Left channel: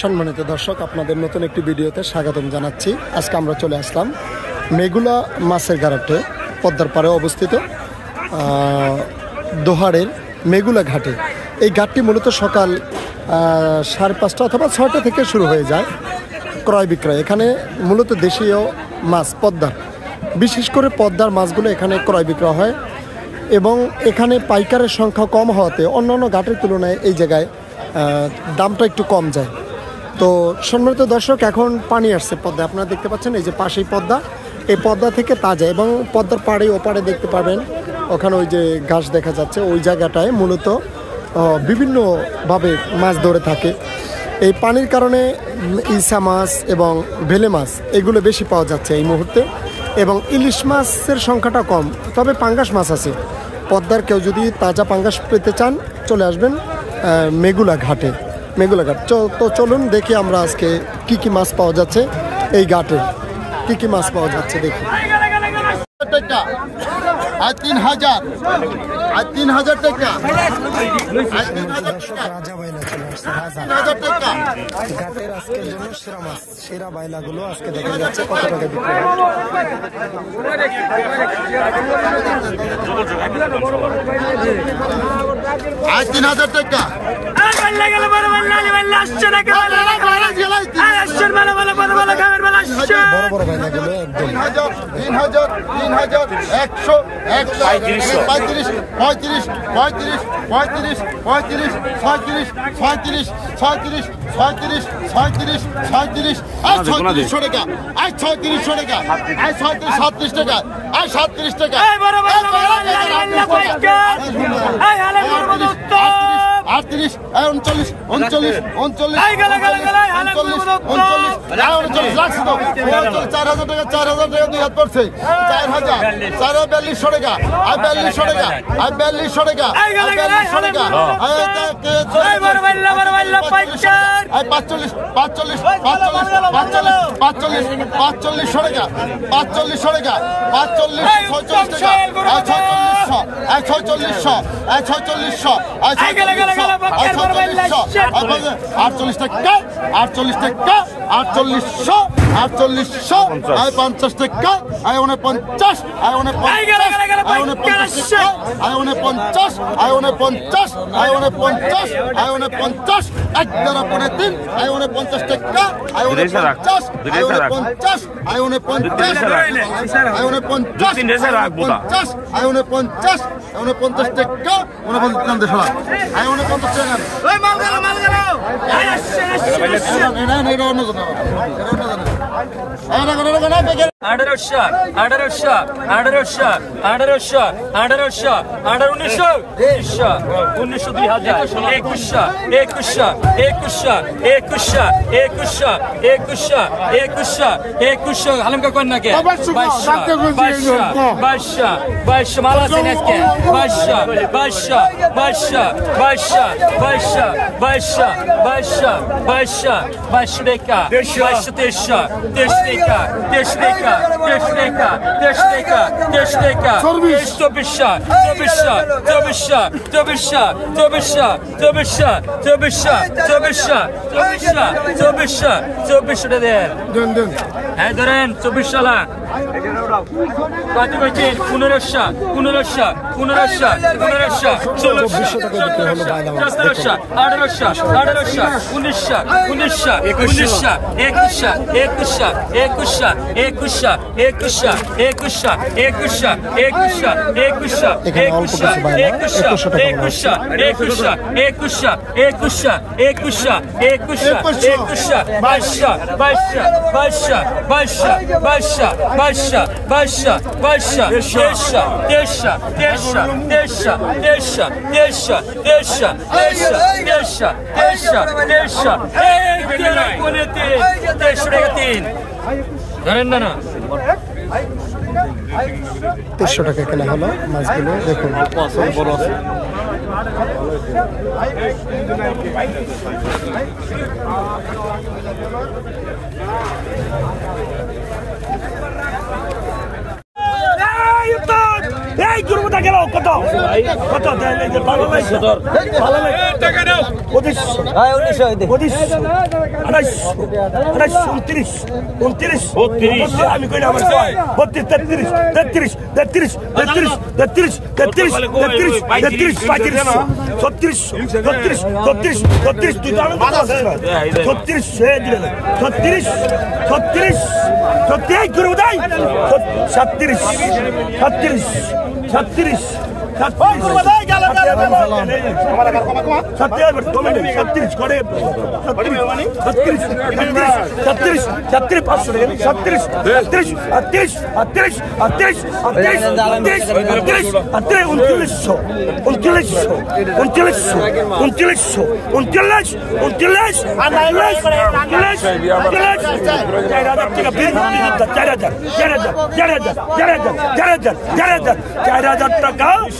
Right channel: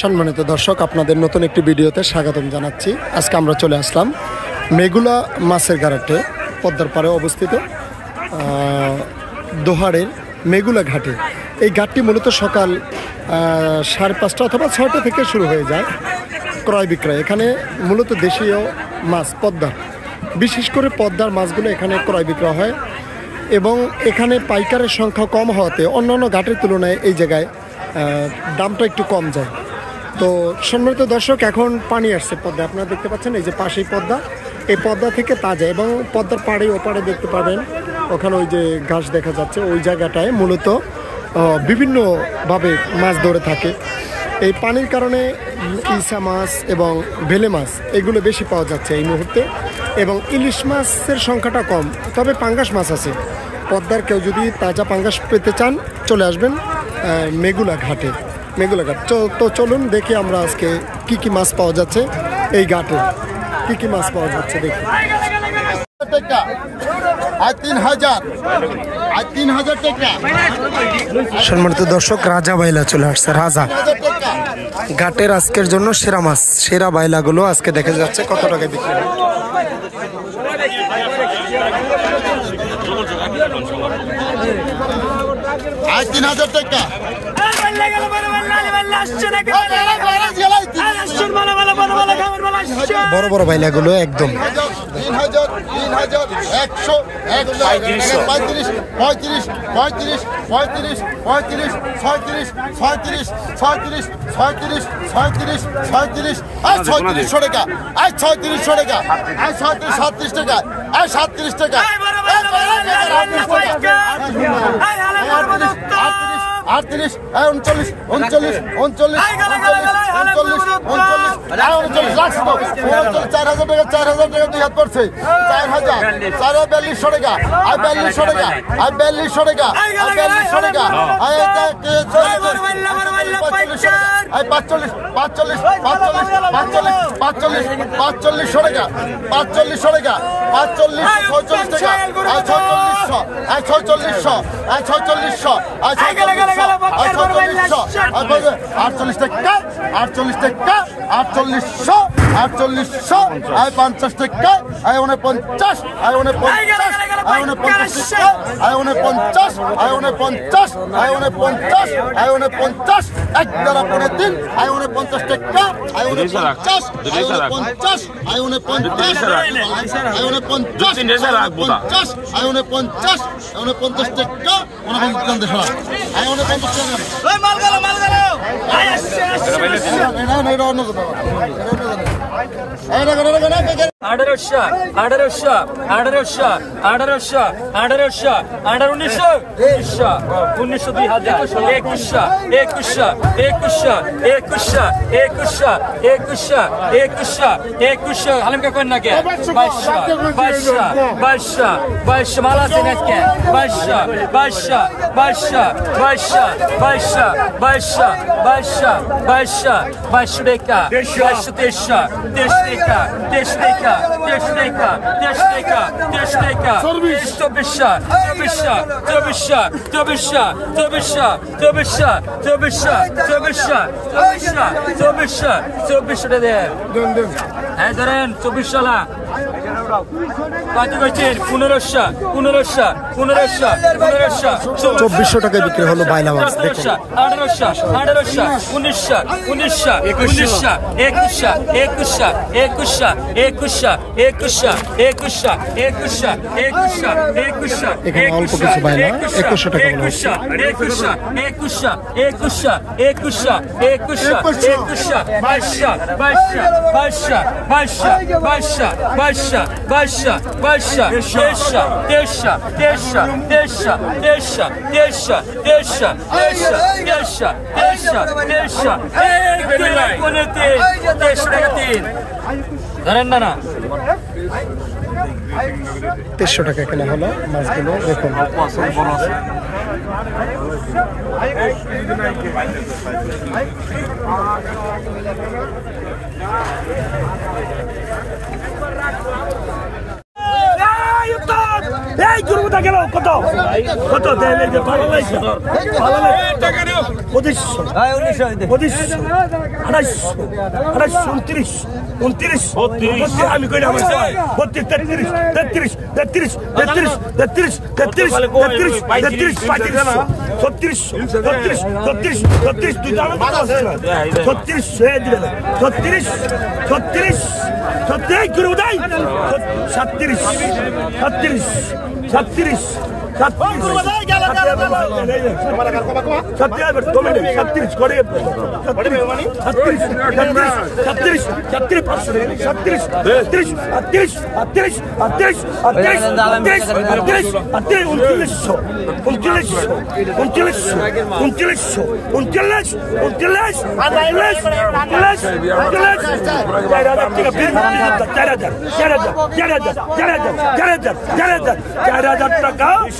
সম্মানিত দর্শক, আপনাদের নতুন একটি ভিডিওতে স্বাগতম জানাচ্ছি। আজকে আমরা চলে আসলাম মেগুলা মাছের ঘাটে, পদ্মার পাড়ে অবস্থিত দোহারের মেগুলা ঘাটে। এই ঘাটটি মূলত সকাল 5:30 অথবা 6টা থেকে শুরু হয়ে যায় ক্রয় বিক্রয়। এখানে মূলত দেশীয় মাছ, পদ্মার, বিশেষ করে পদ্মার মাছগুলো এখানে ক্রয় বিক্রয় হয় এবং এখানে পাইকারের সংখ্যা কম হওয়াতে অন্যান্য ঘাটের তুলনায় এই জায়গায় দামটা একটু কম যায়। তো সম্মানিত দর্শক, এখন পানি আসছে পদ্মা, আপনারা দেখতে পাচ্ছেন এই যে পাশেই পদ্মা। এই পদ্মা থেকে তাজা এবং পদ্মার পাড়ে ওপারে দেখতে পাবেন ওখানে ওই যে ঘাস দেখা যাচ্ছে, ওই জায়গাটায় মূলত বিভিন্নভাবে মাছ ধরে থাকে। এই পানির কারণে ইসা মাছ এবং ভেলে মাছ এগুলো বেশি পাওয়া যাচ্ছে এই মুহূর্তে, এবং ইলিশ মাছের সংখ্যাটা কম, তবে পাঙ্গাস মাছ আছে। পদ্মার কেউ যদি তাজা পাঙ্গাস পেতে চান চলে আসবেন মেগুলা ঘাটে, মেগুলা ঘাট। তো চলুন দেখি আমরা আজকে কি কি মাছ পাওয়া যাচ্ছে এই ঘাটে, কি কি মাছ পাওয়া যাচ্ছে দেখি। 3,000 টাকা। সম্মানিত দর্শক, রাজা বাইলা চলে আসছে। রাজা ঘাটের আজকের জন্য সেরা মাছ, সেরা বাইলাগুলো আজকে দেখা যাচ্ছে কত টাকা বিক্রি হয়। 3,000 টাকা। বড় বড় বাইলাগুলো একদম 3,000, 100, 35, 35, 35, 35, 35, 36, 37, 38, 39, 40, 41, 42, 43, 43 টাকা। 36 টাকা। 37 টাকা। 37 টাকা। 38, 39, 39, 39, লাখ 4,000 টাকা। 4,000 টাকা 2 হাত পড়ছে। 4,000, 4,42 টাকা। 42 টাকা। 42 টাকা। 42 টাকা। 45, 45, 45, 45, 45 টাকা। 45 টাকা। 45, 46 টাকা। 4600, 4600, 4600, 48 টাকা। 48 টাকা। 4800, 4800, 50 টাকা। 49, 49, 49 টাকা। 49, 49, 49, 49, 11.3, 49 টাকা। 49, 49, 49, 49 টাকা। 49 টাকা। 2400 টাকা বিক্রি হলো বাইলা মাছ। এখানে অল্প কিছু বাইলা 2100 টাকা মনে হচ্ছে। 2300 টাকা এখানে হলো মাছগুলো দেখুন। এই গেল কত কত দেন এই যে ভালো লাগছে ভালো লাগছে টাকা দাও 2500 হ্যাঁ 1900 29 আমি কই না আমার 32 33 তুই দাম কত আছে 36 গুরু দাই 36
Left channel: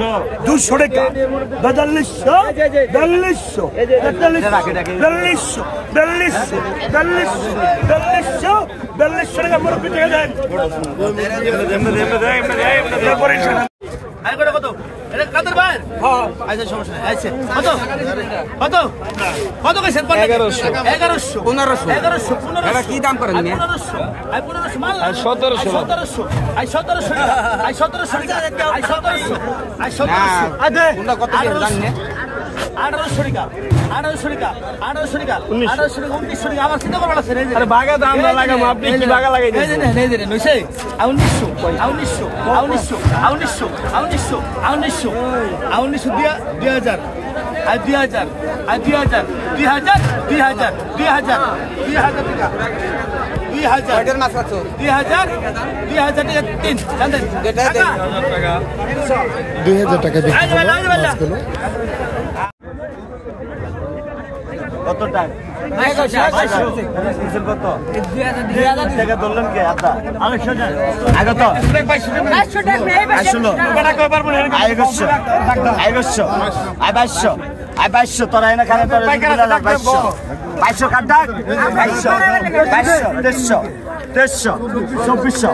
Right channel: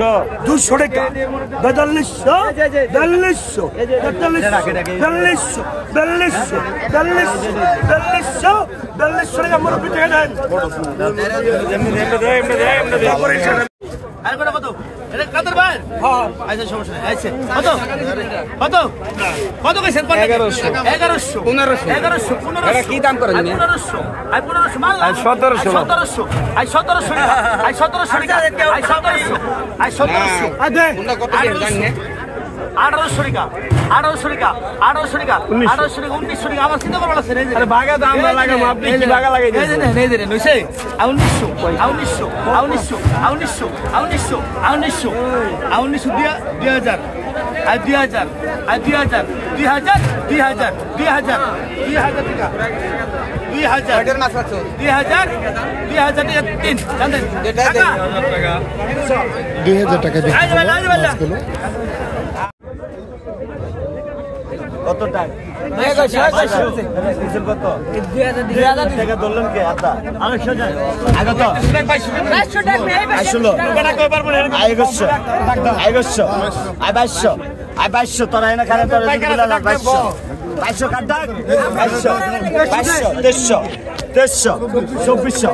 200 টাকা 4200 টাকা মোর পিঠে দেন কত এটা কাদের ভাই আচ্ছা সমস্যা আচ্ছা কত কইছেন 1100 কি দাম করেন 1500 মাল 1700 কত কি জানেন 1800 টাকা 1900 টাকা আমার চিন্তা করবেন আছে আরে ভাগা দাম না লাগাম আপনি কি ভাগা লাগাই দেন নেই নইছে 1900 দিয়া 2000 আর 2000 টাকা 2000 মাছ আছে 2000 টাকা 3 জানেন 2000 টাকা বিক্রি হলো মাছগুলো কত টাকা 2000 টাকা ধরলেন কি আদা 800 টাকা আগে তো 500 টাকা 2200 তোরা এনে খানে তোরা 2200 কাট দাগ 2200 2300 2400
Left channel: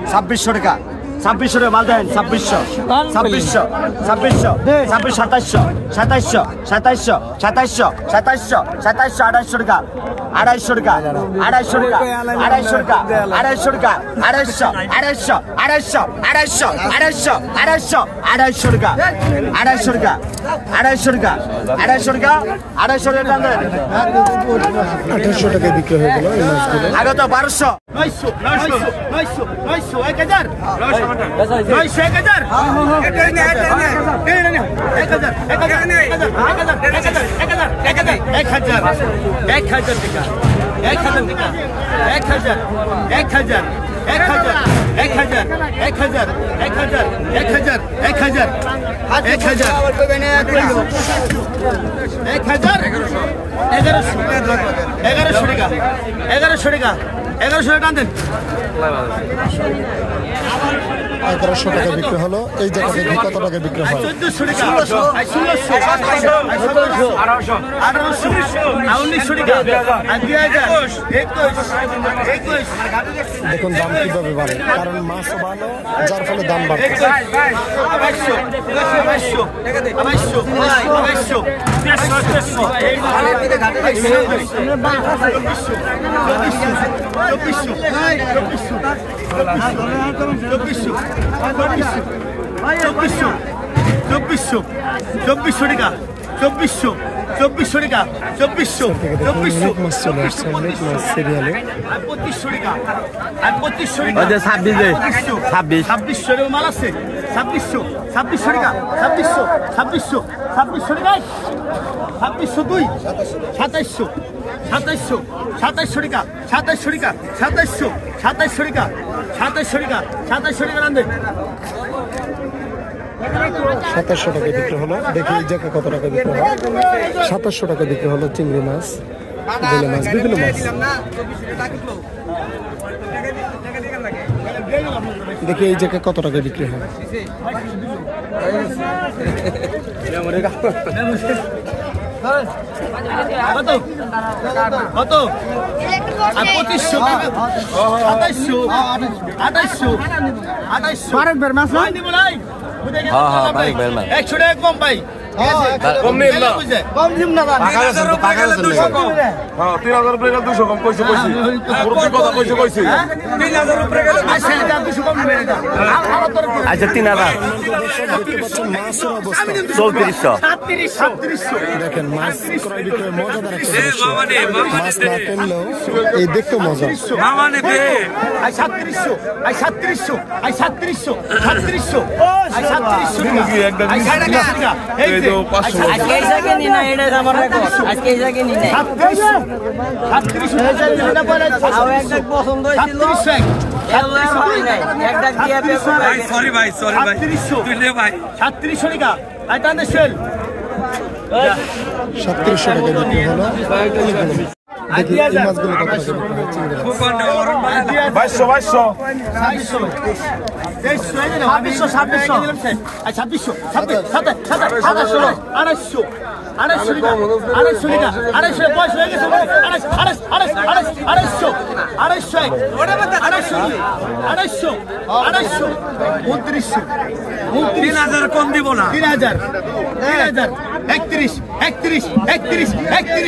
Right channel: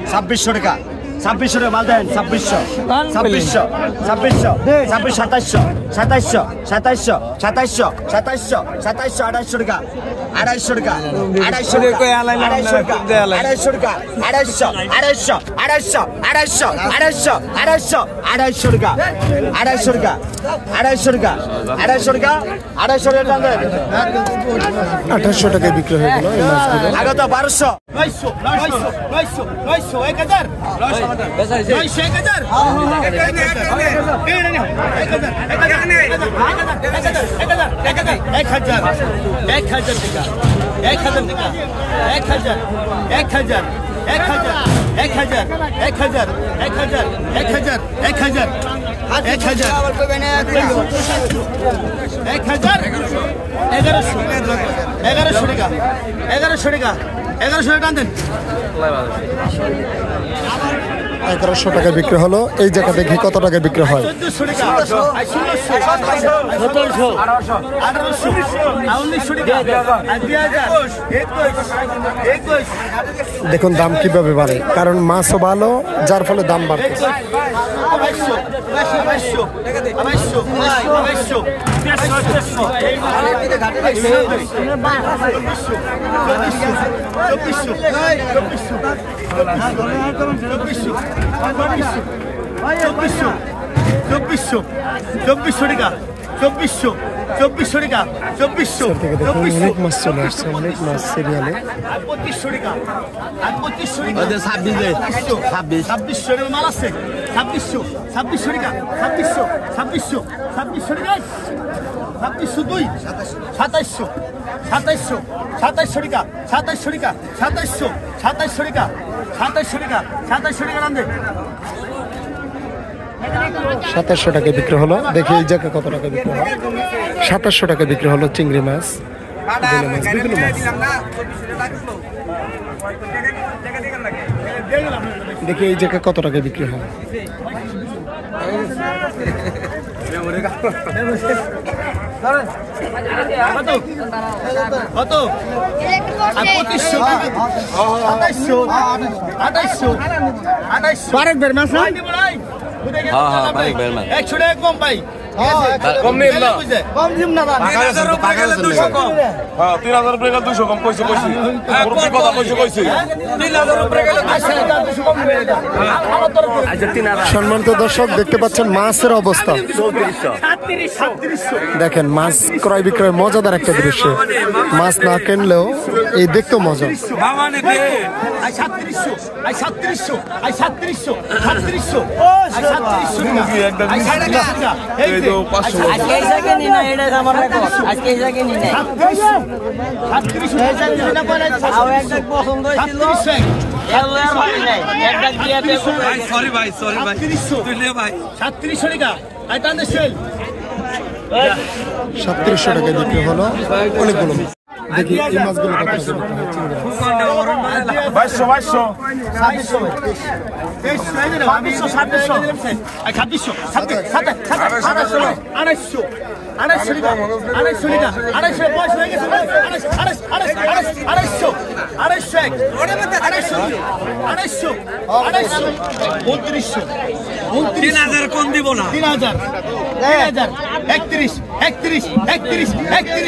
2700 টাকা 2600 মাল দেন 2600 2700 টাকা 250 টাকা 2800 টাকায় বিক্রি হয়ে গেল এই মাছগুলো আগে তো 1200 1100 টাকা বিক্রি হলো এই জায়গা দেখি কত টাকা বিক্রি হয় 1400 দেখুন দাম কিভাবে বাড়ে কারণ মাছও ভালো যার ফলে দাম বাড়ছে অনেক মাছ চলে আসছে অনেক মাছ সিরিয়ালে 2600 মাল আছে 2600 টাকা 2600 টাকা 2602 2700 টাকা 2700 টাকা আনবে 2700 টাকা বিক্রি হলো দেখি এই জায়গা কত টাকা বিক্রি হয় 2700 টাকা বিক্রি হলো চিংড়ি মাছ বেলে মাছ বিভিন্ন মাছ দেখি এই জায়গা কত টাকা বিক্রি হয় কত আর 2500 2700 2800 2800 বের মাছ না 100 টাকা কম পাই কম নেই না কম দিম না 3000 উপরে গেলে 200 কম হ্যাঁ 3000 উপরে গেলে 200 কম কইছে কইছে 3000 উপরে গেলে 200 কম হয়ে যায় আচ্ছা 3000 সম্মানিত দর্শক দেখতে পাচ্ছেন মাছের অবস্থা 3700 দেখেন মাছ ক্রয় বিক্রয় মজাদার একটা দৃশ্য মাছ না কিনলেও এই দেখতেও মজা মামানে দে I 3700 I 3700 I 3700 3700 I 3700 I 3700 এই যে আজকে জায়গা নি না এটা আমার আজকে জায়গা নি না 3700 হয়ে যায় না বলে একদম পছন্দ হয়েছিল সরি ভাই তুলে ভাই 3700 টাকা আই টানে সেল 3700 টাকা বিক্রি হলো অনেকগুলো দেখি এই মাছগুলো কত টাকা কম দিব না 3000 31 31 31 31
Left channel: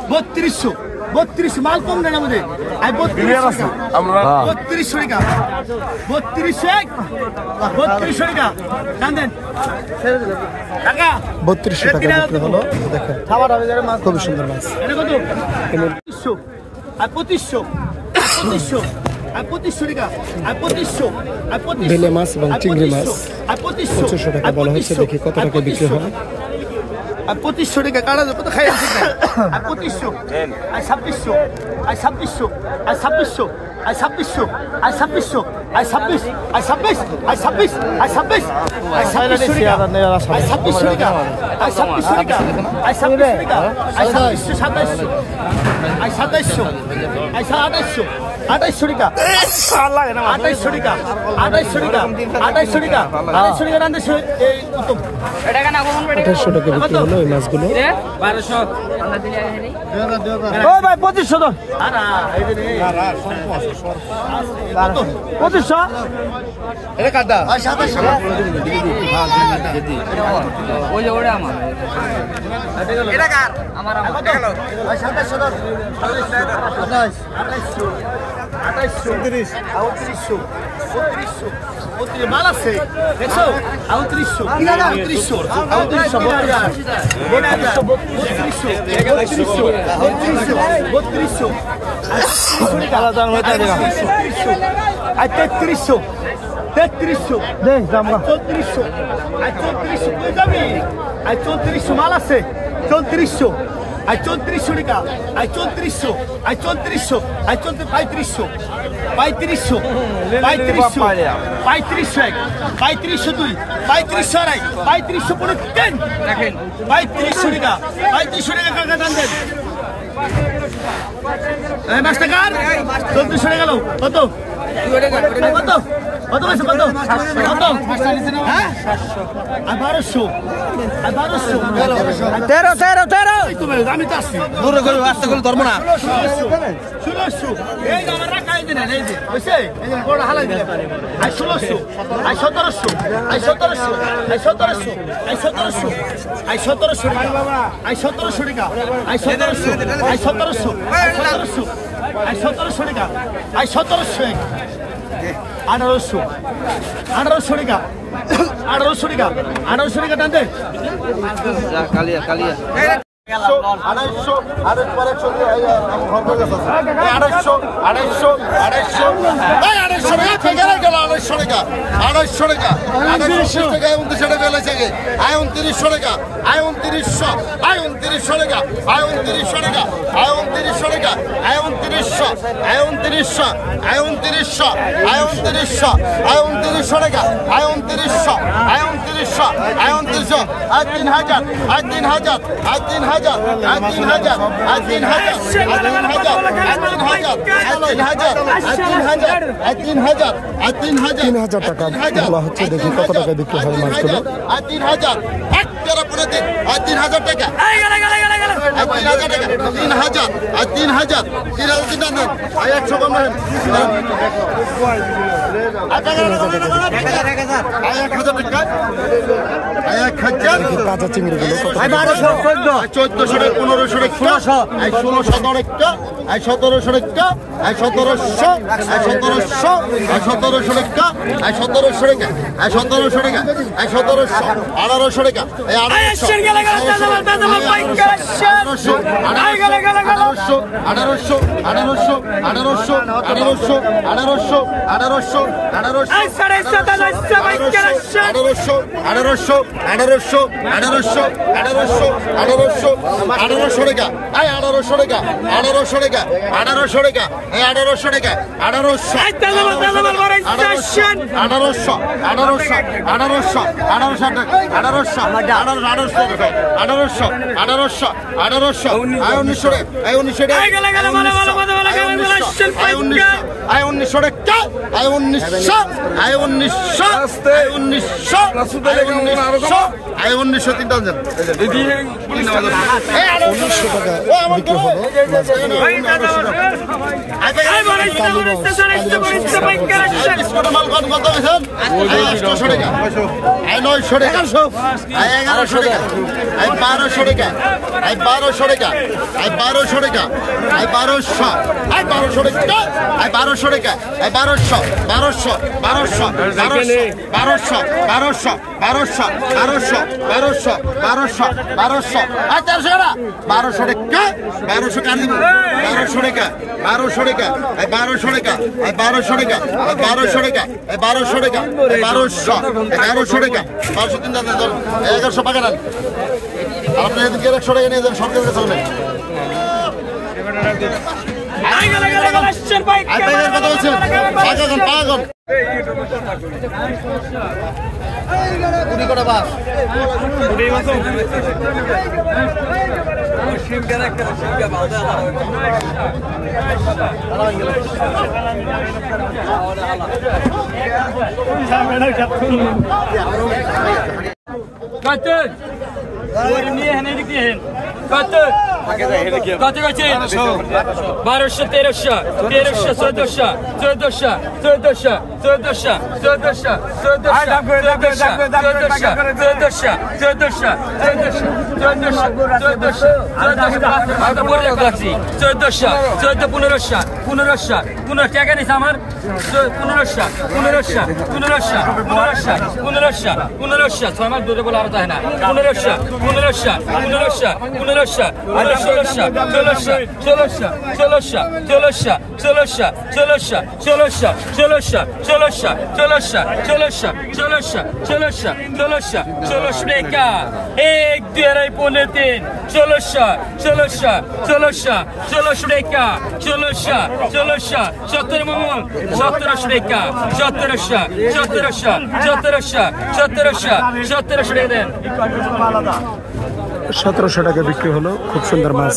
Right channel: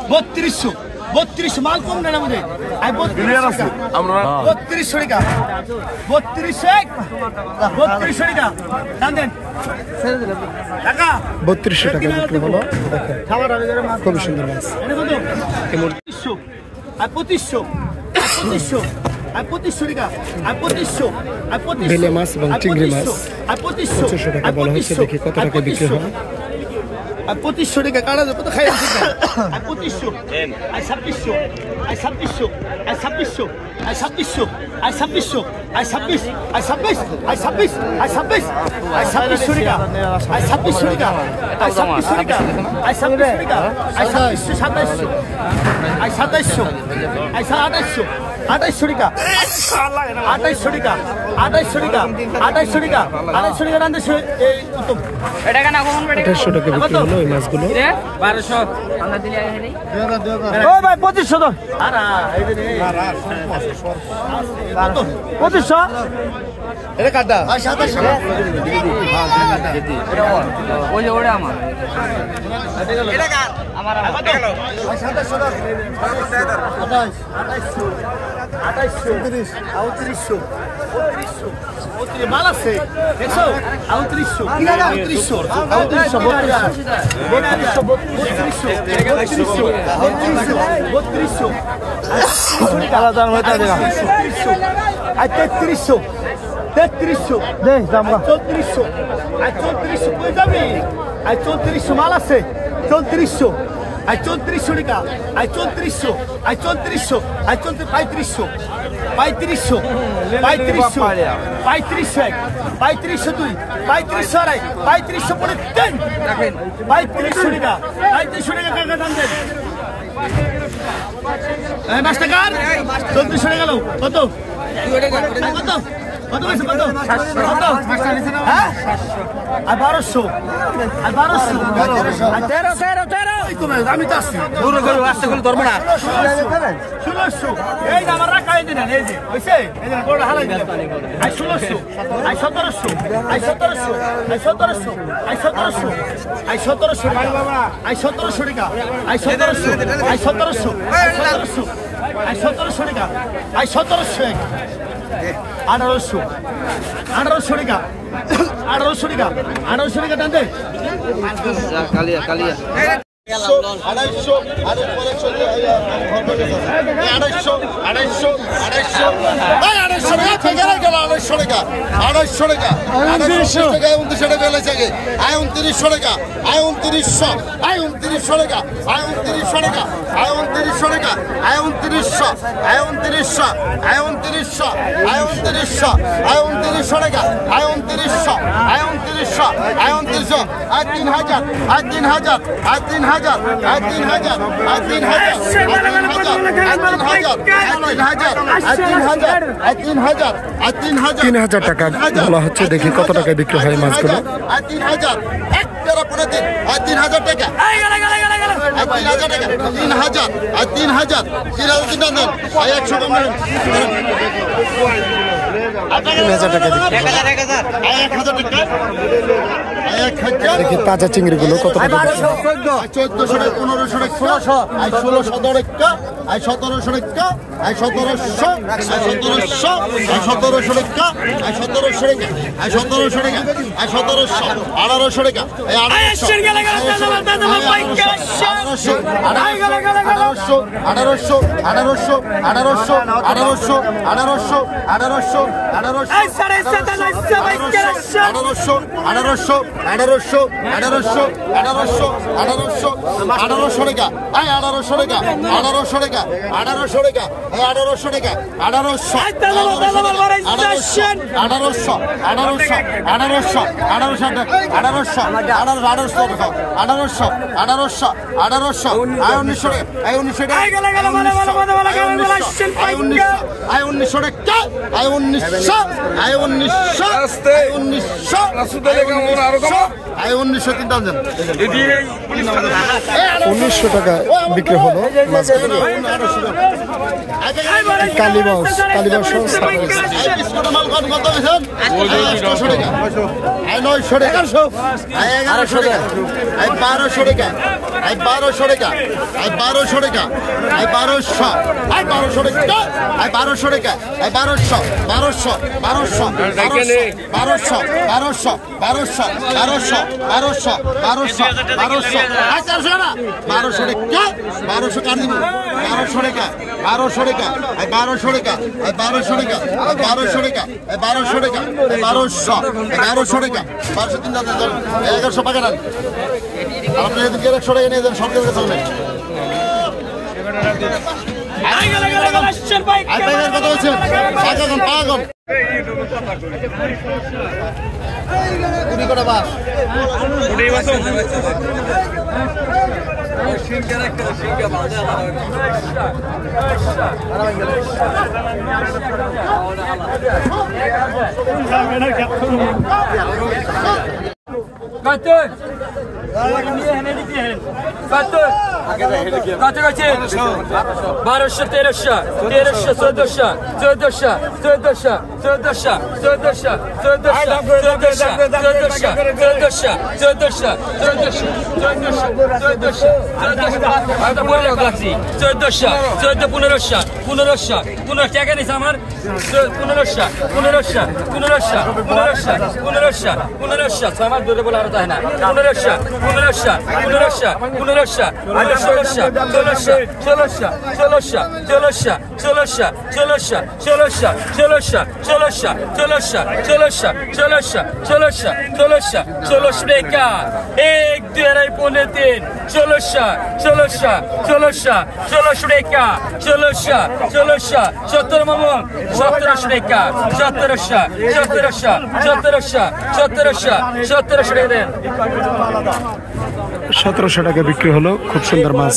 31 3200 মাল কম নেন আমাদের 3200 টাকা 3200 টাকা দাম দেন টাকা 3200 টাকা বিক্রি হলো দেখেন খুব সুন্দর মাছ আর 2500 টাকা আর 2500 বেলে মাছ এবং চিংড়ি মাছ আর 2500 টাকা বলা হচ্ছে দেখি কত টাকা বিক্রি হয় আর 2500 টাকা কাটা কত খাই আর 2500 আর 2600 আর 2600 আর 2600 আর 2600 আর 2600 আর 26 আর 26 আর 26 আর 26 আর 2600 টাকা আর 2600 টাকা আর 2600 টাকা আর 2600 টাকা আর 2600 2700 আর 2700 আর 2800 2800 টাকা 2800 টাকা 2800 টাকা 2800 টাকা 2800 টাকা রান্দে এই উত্তম 2800 টাকা বিক্রি হলো এই মাছগুলো 1200 ও ভাই 2500 দাও আরে এই রে কত 2500 এটা কাটা ভাই 2700 ওই যে ওটা আমার এটা কার আমার কত ভাই 2700 দাও 2800 মাল আছে দেখছো 3400 মাল আছে 3400 আই 3400 টাকা আই 3400 আই 3400 আই 3500 3500 দুই 3500 আড়াই 3500 পড়ে দেন দেখেন 3500 টাকা 3500 টাকা কাকা দাম দেন এই মাছ টাকা 3400 টাকা গেল কত কত কত হয়েছে কত কত হ্যাঁ আর 1200 আর 13 আমি তো আছি দূর করে আসতে গেলে ধরবো না 1600 এই যে আমার রাখা এই দিন এই যে বুঝছে এই যে বড় হালাই দিলে I 1600 I 1700 I 1700 I 1700 I 1700 I 1700 টাকা আই 1700 টাকা আই 1700 আই 1700 আই 1700 আই 1700 টাকা আই 1700 1800 টাকা 1800 টাকা টান দে আড়াইশো টাকা 2900 টাকা 2900 টাকা লেগেছে আয় 2900 টাকা আয় 2900 আয় 2900 টাকা আয় 2900 টাকা আয় 2900 টাকা আয় 2900 আয় 2900 আয় 2900 আয় 2900 আয় 2900 টাকা আয় 2900 আয় 2900 আয় 2900 আয় 3000 আয় 3000 আয় 3000 আয় 3000 আয় 3000 আয় 3000 আয় 3000 আয় 3000 আয় 3000 আয় 3000 আয় 3000 3000 আর 3000 3000 টাকা বলা হচ্ছে, দেখি কত টাকায় বিক্রি হয় মাছগুলো। আর 3000 এক তেরা পরে দিন আর 3000 টাকা আর 3000 টাকা 3000 আর 3000 3000 দেন আর 100 কম দেন 3000 টাকা বিক্রি হয়। 1000 টাকা 1000 দেখি তাজা চিংড়িগুলো কত টাকা বিক্রি হয়। 1400 টাকা 1500 টাকা 1600 টাকা 1700 টাকা 1700 1700 1700 টাকা 1700 টাকা 1700 টাকা 1700 1800 টাকা 1900 টাকা বিক্রি হলো মাছগুলো। সতেরোশো টাকা বিক্রি হলো, খুব সুন্দর মাছ।